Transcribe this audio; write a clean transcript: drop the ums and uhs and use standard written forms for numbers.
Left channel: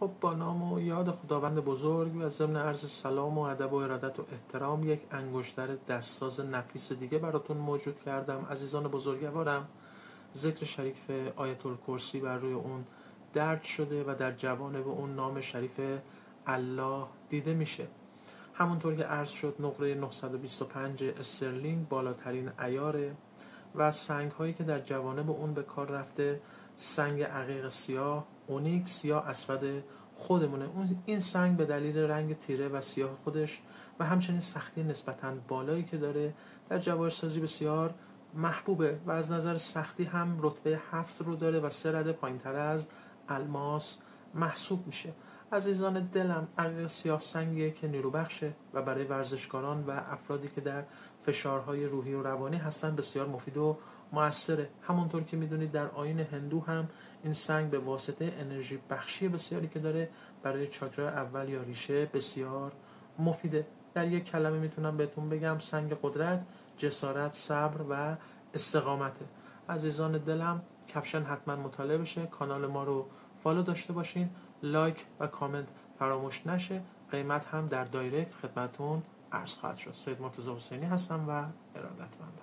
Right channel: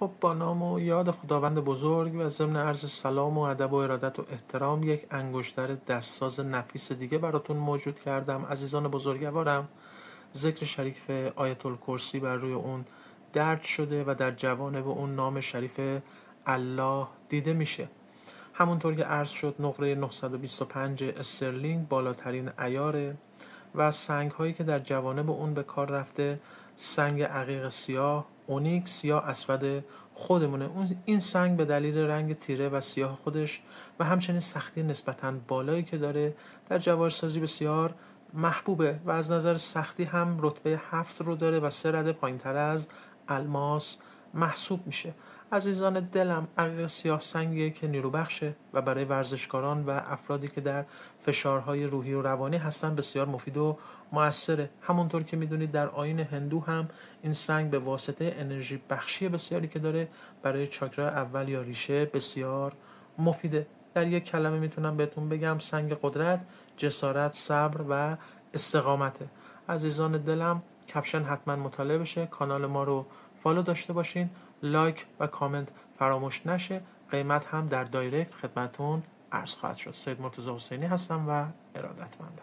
خب با نام و یاد خداوند بزرگ و ضمن عرض سلام و ادب و ارادت و احترام یک انگشتر دستساز نفیس دیگه براتون موجود کردم. عزیزان بزرگوارم، ذکر شریف آیت الکرسی بر روی اون درج شده و در جوانب اون نام شریف الله دیده میشه. همونطور که عرض شد نقره 925 استرلینگ بالاترین عیاره و سنگ هایی که در جوانب اون به کار رفته سنگ عقیق سیاه، اونیکس یا اسود خودمونه. این سنگ به دلیل رنگ تیره و سیاه خودش و همچنین سختی نسبتاً بالایی که داره در جواهرسازی بسیار محبوبه و از نظر سختی هم رتبه 7 رو داره و 3 رده پایین‌تر از الماس محسوب میشه. عزیزان دلم، عقیق سیاه سنگیه که نیرو بخشه و برای ورزشکاران و افرادی که در فشارهای روحی و روانی هستن بسیار مفید و مؤثره. همونطور که میدونید در آیین هندو هم این سنگ به واسطه انرژی بخشی بسیاری که داره برای چاکرا اول یا ریشه بسیار مفیده. در یک کلمه میتونم بهتون بگم سنگ قدرت، جسارت، صبر و استقامته. عزیزان دلم، کپشن حتما مطالعه بشه، کانال ما رو فالو داشته باشین، لایک و کامنت فراموش نشه. قیمت هم در دایرکت خدمتون عرض خواهد شد. سید مرتضی حسینی هستم و ارادتمندم.